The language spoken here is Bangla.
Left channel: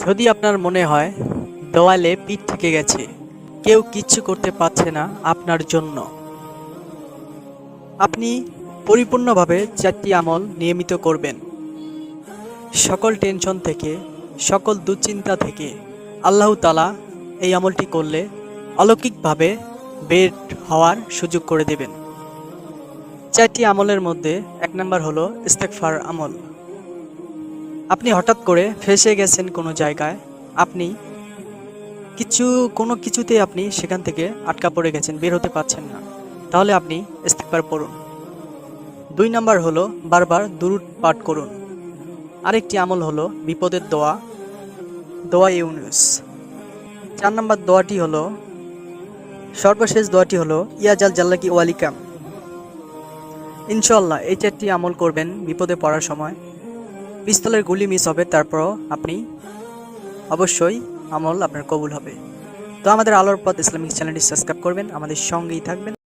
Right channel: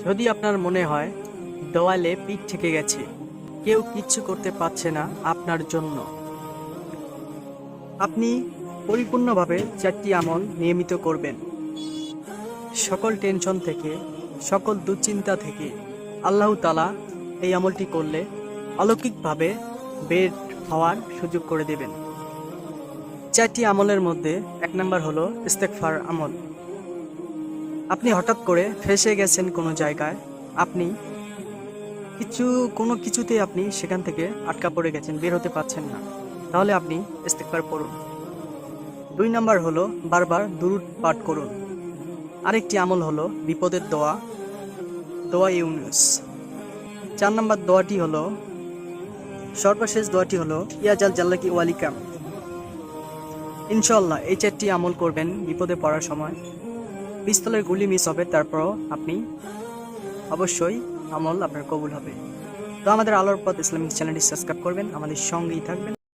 যদি আপনার মনে হয় দেওয়ালে পিঠ থেকে গেছে, কেউ কিচ্ছু করতে পারছে না আপনার জন্য। আপনি পরিপূর্ণভাবে চারটি আমল নিয়মিত করবেন। সকল টেনশন থেকে, সকল দুশ্চিন্তা থেকে আল্লাহ তালা এই আমলটি করলে অলৌকিকভাবে বেড হওয়ার সুযোগ করে দেবেন। চারটি আমলের মধ্যে এক নম্বর হলো ইস্তেকফার আমল। আপনি হঠাৎ করে ফেসে গেছেন কোনো জায়গায়? আপনি কিছু, কোনো কিছুতে আপনি সেখান থেকে আটকা পড়ে গেছেন, বের হতে পারছেন না। তাহলে আপনি ইস্তেকবার পড়ুন। দুই নাম্বার হলো বারবার দুরুদ পাঠ করুন। আরেকটি আমল হলো বিপদের দোয়া দোয়া ইউনুস। চার নম্বর দোয়াটি হলো, সর্বশেষ দোয়াটি হলো ইয়াজাল জাল্লাকি ওয়ালিকাম। ইনশাল্লাহ এই চারটি আমল করবেন বিপদে পড়ার সময়। পিস্তলের গুলি মিস হবে, তারপরও আপনি অবশ্যই আমল আপনার কবুল হবে। তো আমাদের আলোর পথ ইসলামিক চ্যানেলটি সাবস্ক্রাইব করবেন, আমাদের সঙ্গেই থাকবেন।